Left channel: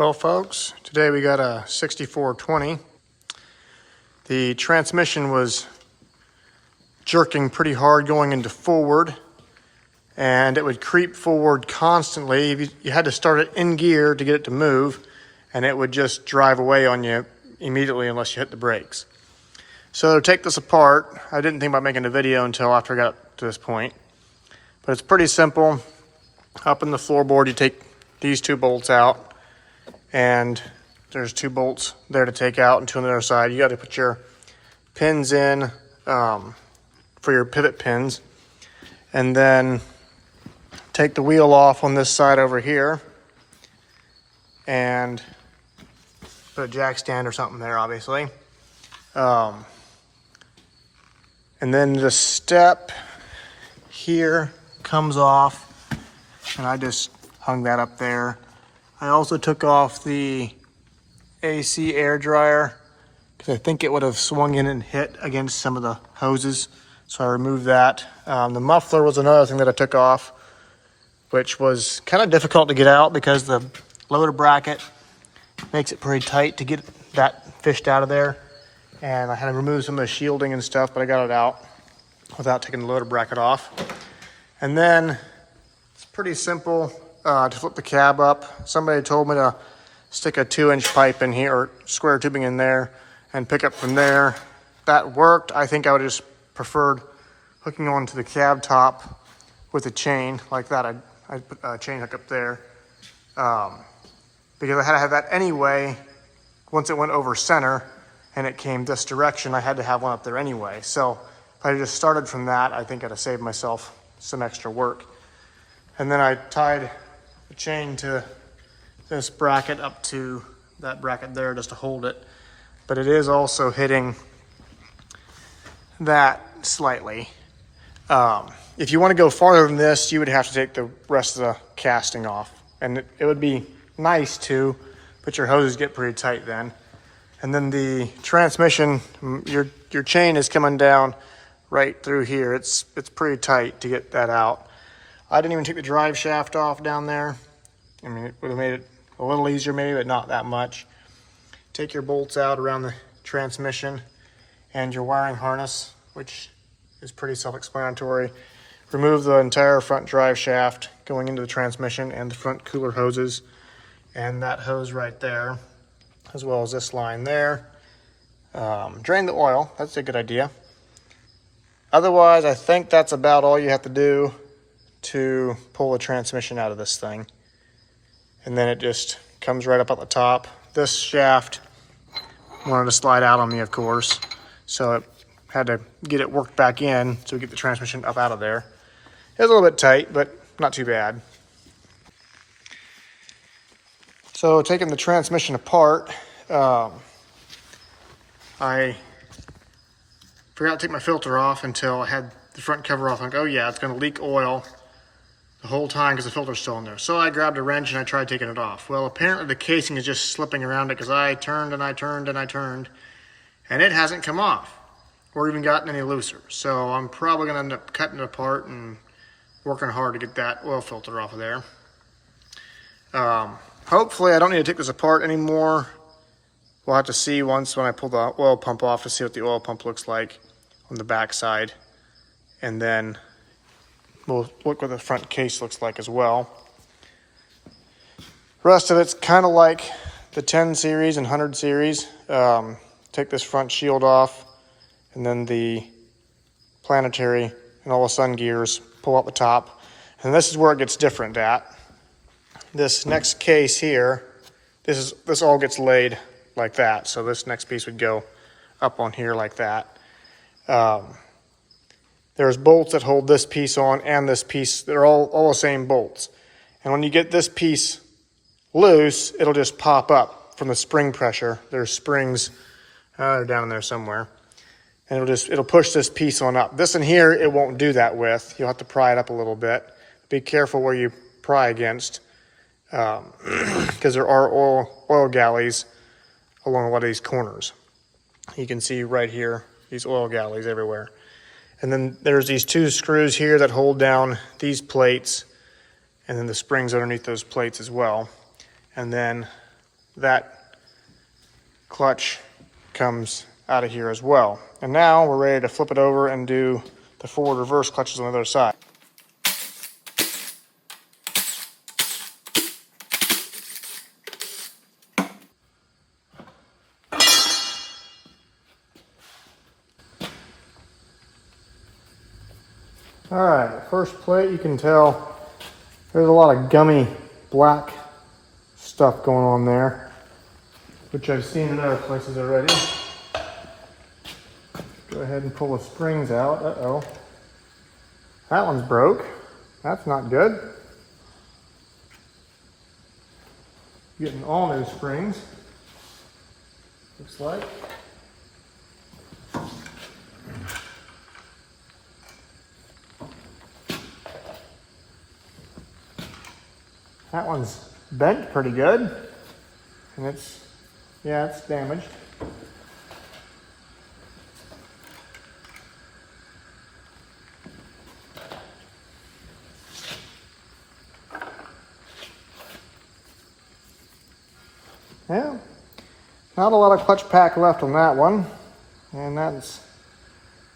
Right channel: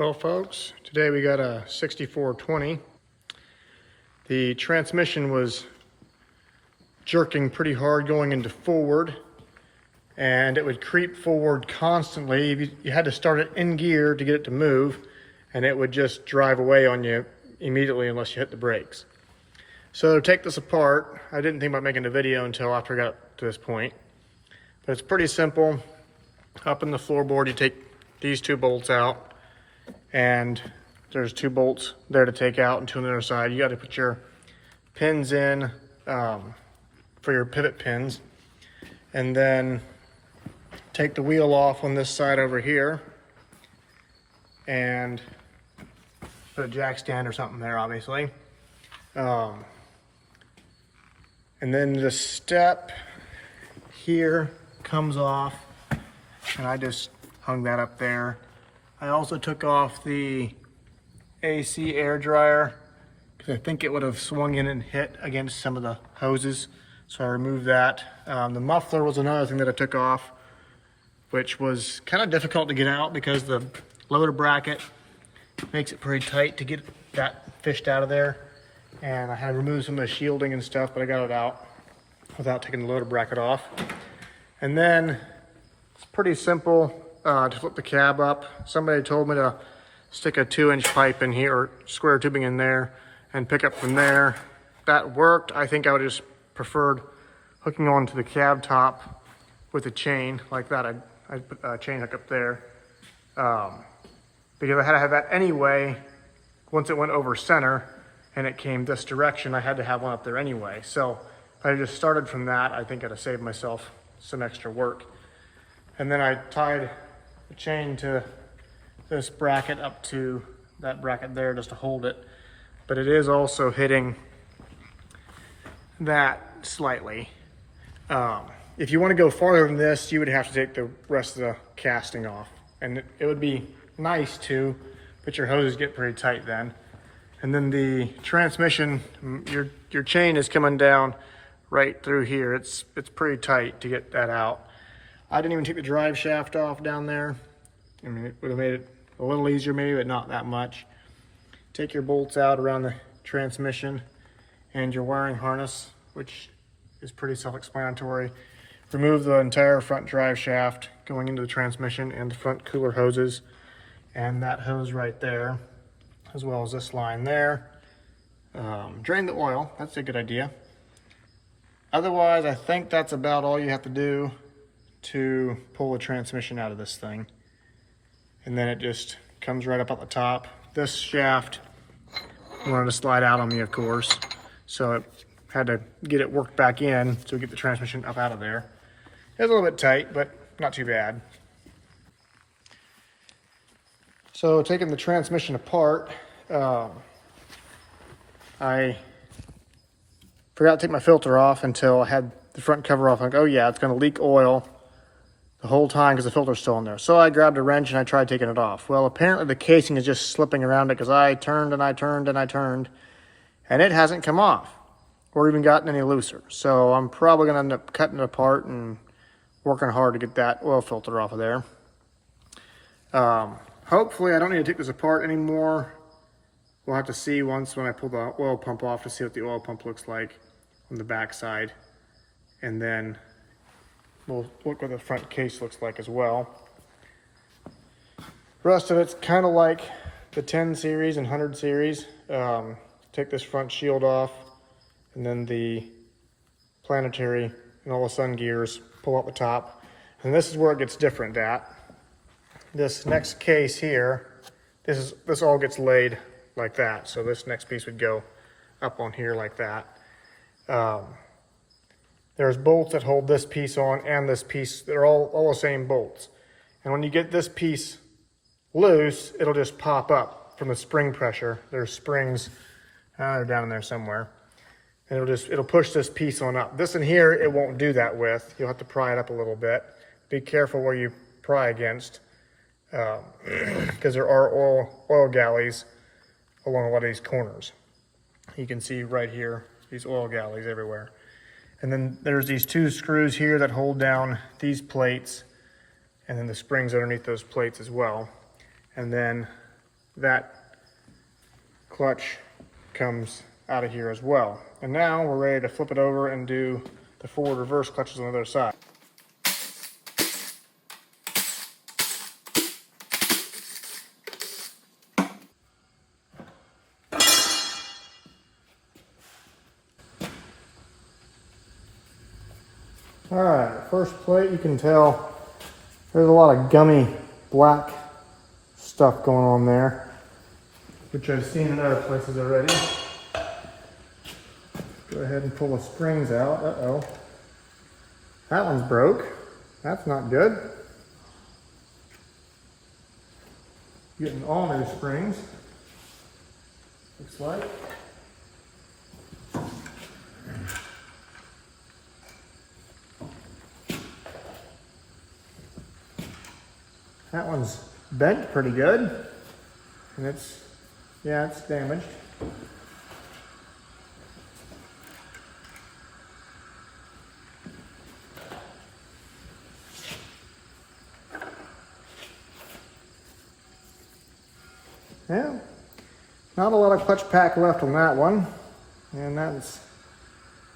Well, folks, today we got a 6420. The transmission was jerking pretty hard going into forward, and it would creep forward constantly. You had to start it in gear to get it to move, and it would just drive away on you immediately unless you hit the brakes. So to take this apart, I didn't think about making a video until after I got to this point, but it's pretty simple. Up in the floorboard, you take these two bolts out, and there's two bolts there to take out and two on the other side. You got to put your pins in for your pivot pins, and then take the wheel off on this side over here and put a jack stand or something there, obviously. And then the step here comes off, and I just hung that up there. I also took off the AC air dryer because I think it would have swung in and hit against some of the hoses. So I removed that. The muffler was another thing that I took off, which was kind of difficult to get out because the loader bracket makes it pretty tight to get that fished out of there. And I had to remove some of the shielding and stuff, but I got it out without taking the loader bracket off. And then it's pretty simple. To flip the cab up, somebody told me to stick a 2-inch pipe in here, or square tubing in there, and pick up from there. That worked. I think I would have just preferred hooking onto the cab top with a chain like that. I'd put a chain hook up there because I had to have that anyway. Once it went over center and it came this direction, I had to have one up there anyway. So if I just started from that, I think I'd have saved myself some extra work. And then I tied the chain to this bracket up to that bracket there just to hold it. But it is also hitting that slightly. If you want to go farther than this, you would have to take the rest of the casting off. And it would be nice to, but your hoses get pretty tight then. And then the transmission, your chain is coming down right through here. It's pretty tight to get that out. I didn't even take the drive shaft off down there. I mean, it would have made it a little easier maybe, but not that much. Take your bolts out around the transmission and your wiring harness, which is pretty self-explanatory. Remove the entire front drive shaft going into the transmission and the front cooler hoses and that hose right there, as well as this line there. Drain the oil, that's a good idea. Otherwise, I think that's about all you have to do to pull the transmission out of this thing. And then it just comes right up at the top. This shaft wanted to slide out on me, of course, so it had to get it worked back in to get the transmission up out of there. It was a little bit tight, but not too bad. So taking the transmission apart, I forgot to take my filter off until I had the front cover off. I'm like, oh yeah, it's gonna leak oil the whole time because the filter's still in there. So I grabbed a wrench and I tried taking it off. Well, apparently the casing is just slipping around it because I turned and I turned and I turned, and it hasn't come off or even gotten any looser. So I'm probably gonna end up cutting it apart and working hard to get that oil filter off of there. Hopefully I don't need to take this apart anymore. We'll have to see when I pull the oil pump off to see what the oil pump looks like on the back side. And then we'll look what the front case looks like as well. Rest of it's kind of like the 10 series and 100 series. Take this front shield off, and then the planetary and all the sun gears pull out the top. And this is where it gets different at. This next case here, this all gets laid like that. So this next piece would go up on here like that. There's bolts that hold this piece on and this piece. They're all the same bolts. And when you get this piece loose, it'll just pop up from the spring pressure. There's springs, they're down in there somewhere. And it'll push this piece on up. This in here, it won't do that with. You'll have to pry it up a little bit. Be careful where you pry against, because there are oil galleys along a lot of these corners. You can see right here, these oil galleys everywhere. And then there's these two screws here that hold down these plates, and then the springs underneath those plates as well. And then that clutch comes out of here as well. And now we're ready to flip it over and do the forward reverse clutches on the other side. All right, first plate, you can tell there's a lot of gummy black stuff going on there, which I've seen in other places already. Go ahead and pull the springs out. Uh-oh. That one's broke. That's not good. Getting all new springs, looks like. That one's bent pretty good, and it's damaged. Yeah, not a lot of clutch pack left on that one, and that's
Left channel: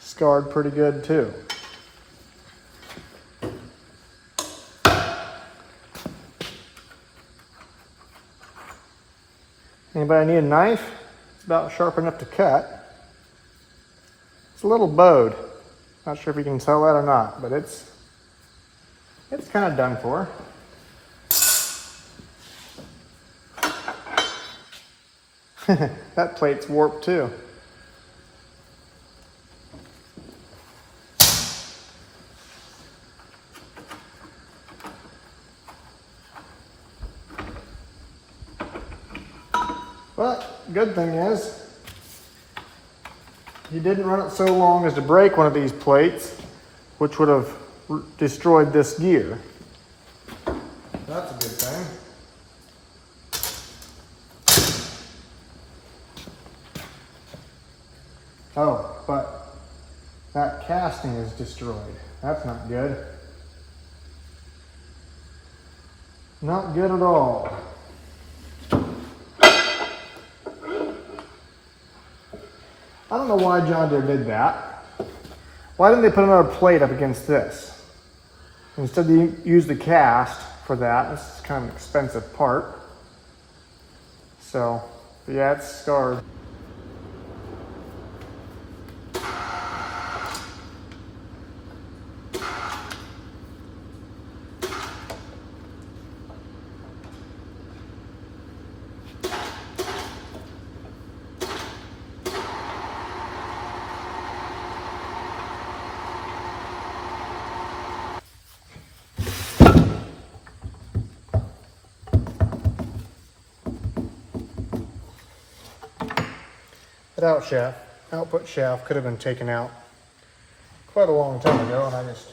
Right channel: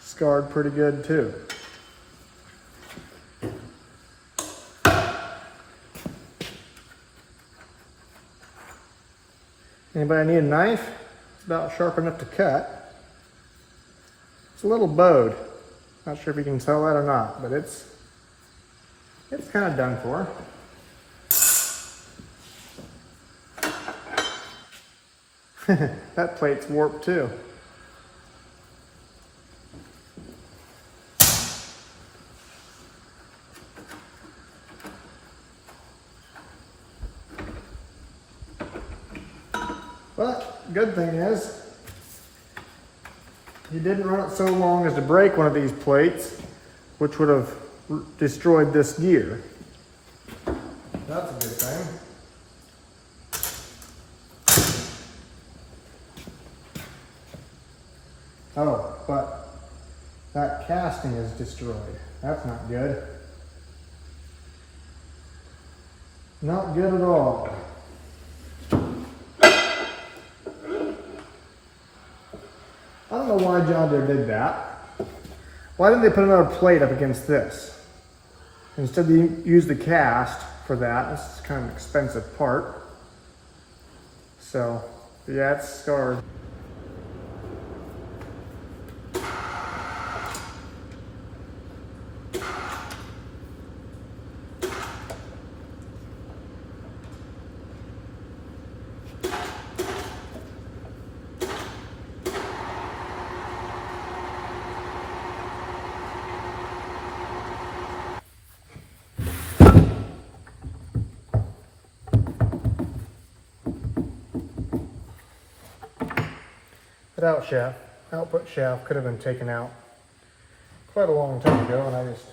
scarred pretty good too. Anybody need a knife? It's about sharp enough to cut. It's a little bowed. Not sure if you can tell that or not, but it's kind of done for. That plate's warped too. But good thing is, you didn't run it so long as to break one of these plates, which would have destroyed this gear. That's a good thing. Oh, but that casting is destroyed. That's not good. Not good at all. I don't know why John Deere did that. Why didn't they put another plate up against this? Instead they use the cast for that. This is kind of an expensive part. So, but yeah, it's scarred. That output shaft could have been taken out quite a long time ago, and I just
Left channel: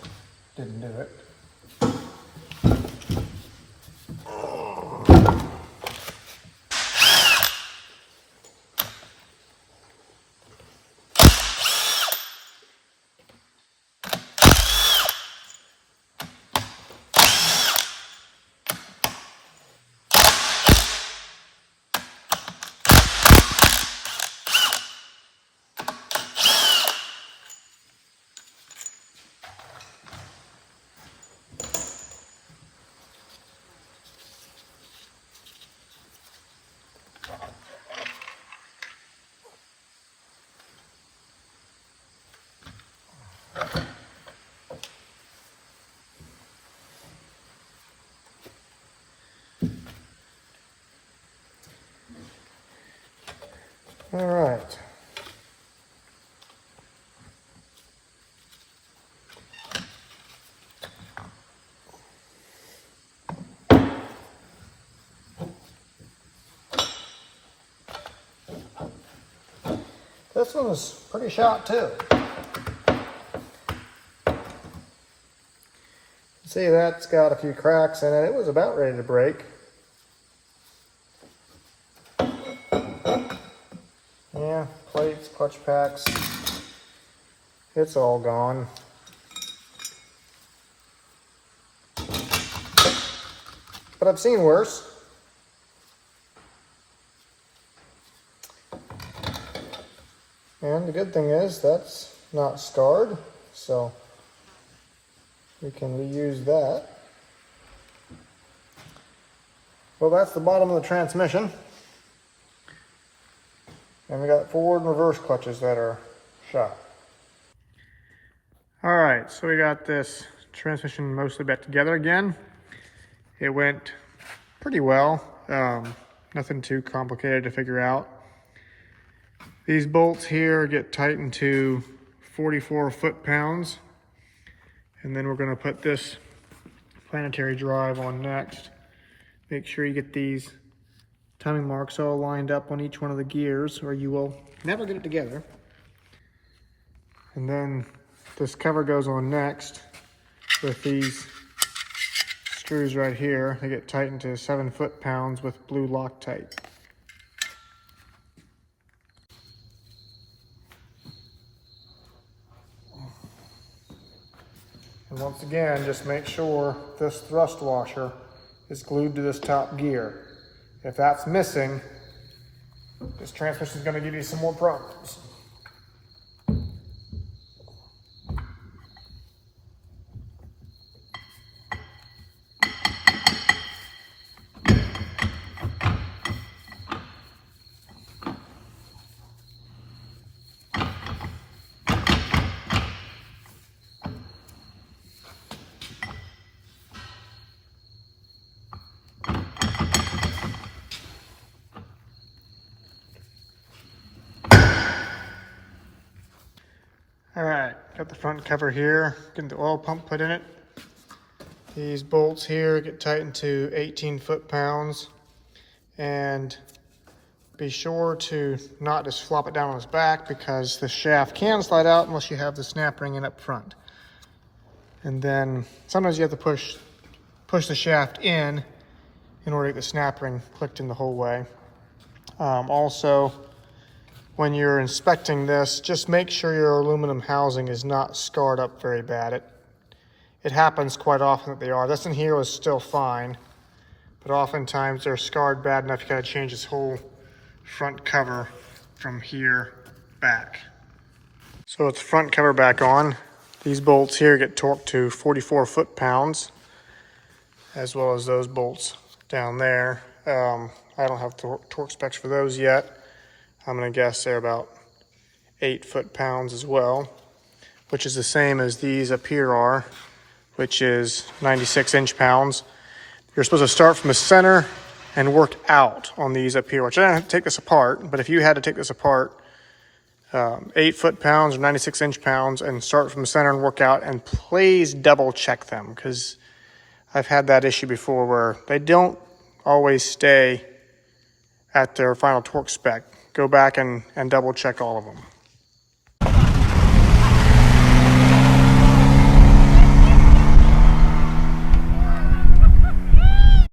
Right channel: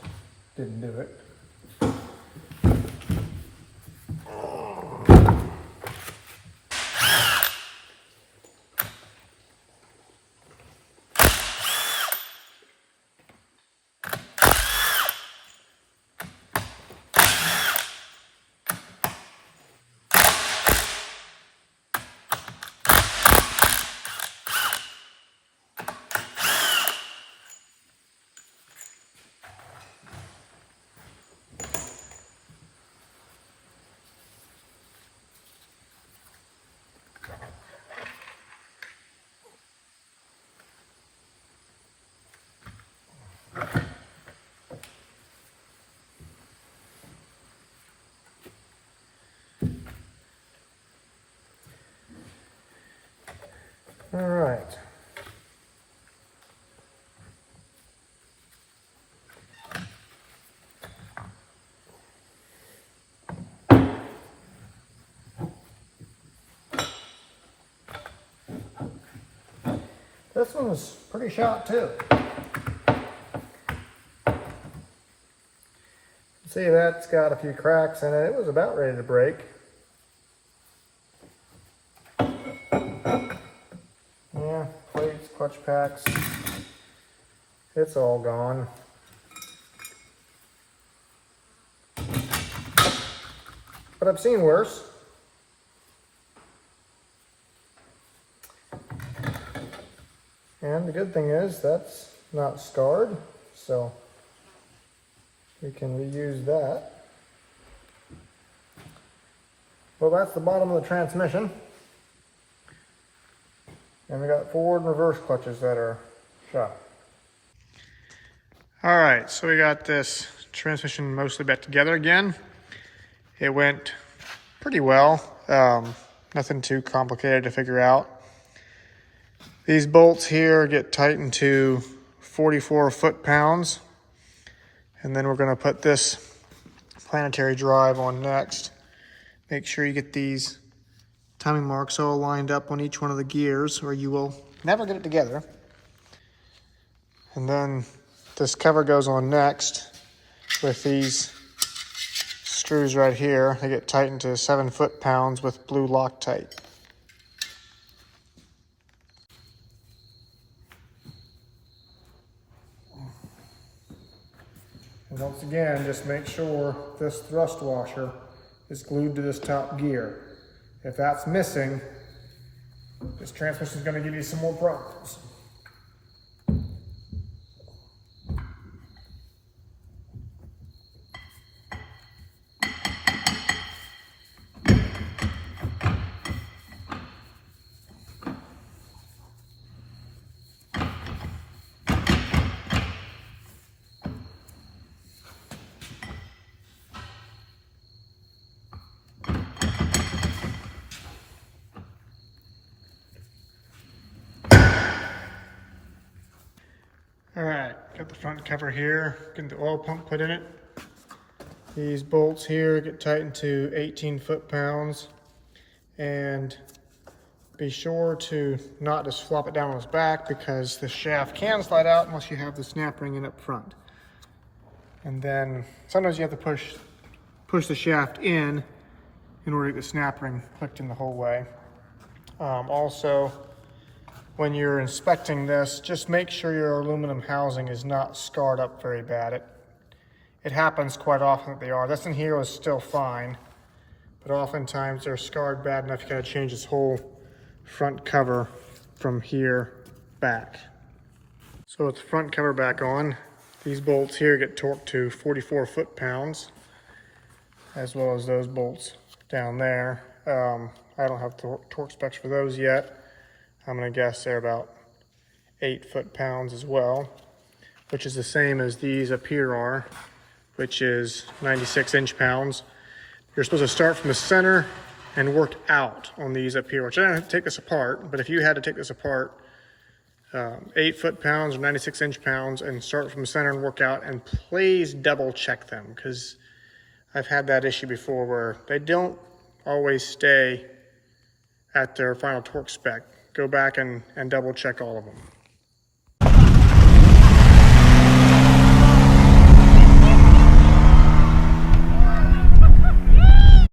didn't do it. All right. This one's pretty shot too. See, that's got a few cracks in it. It was about ready to break. Yeah, plates, clutch packs, it's all gone. But I've seen worse. And the good thing is that's not scarred, so we can reuse that. Well, that's the bottom of the transmission. And we got forward and reverse clutches that are shot. All right, so we got this transmission mostly back together again. It went pretty well. Nothing too complicated to figure out. These bolts here get tightened to 44 foot-pounds. And then we're gonna put this planetary drive on next. Make sure you get these timing marks all lined up on each one of the gears or you will never get it together. And then this cover goes on next with these screws right here. They get tightened to 7 foot-pounds with blue Loctite. And once again, just make sure this thrust washer is glued to this top gear. If that's missing, this transmission is going to give you some more problems. All right, got the front cover here, getting the oil pump put in it. These bolts here get tightened to 18 foot-pounds, and be sure to not just flop it down on its back because the shaft can slide out unless you have the snap ring in up front. And then sometimes you have to push the shaft in order to get the snap ring clicked in the whole way. Also, when you're inspecting this, just make sure your aluminum housing is not scarred up very bad. It happens quite often that they are. This in here was still fine, but oftentimes they're scarred bad enough you gotta change this whole front cover from here back. So with the front cover back on, these bolts here get torqued to 44 foot-pounds, as well as those bolts down there. I don't have torque specs for those yet. I'm gonna guess they're about 8 foot-pounds as well, which is the same as these up here are, which is 96 inch-pounds. You're supposed to start from the center and work out on these up here, which I don't have to take this apart, but if you had to take this apart, 8 foot-pounds or 96 inch-pounds and start from the center and work out, and please double check them because I've had that issue before where they don't always stay at their final torque spec. Go back and double check all of them.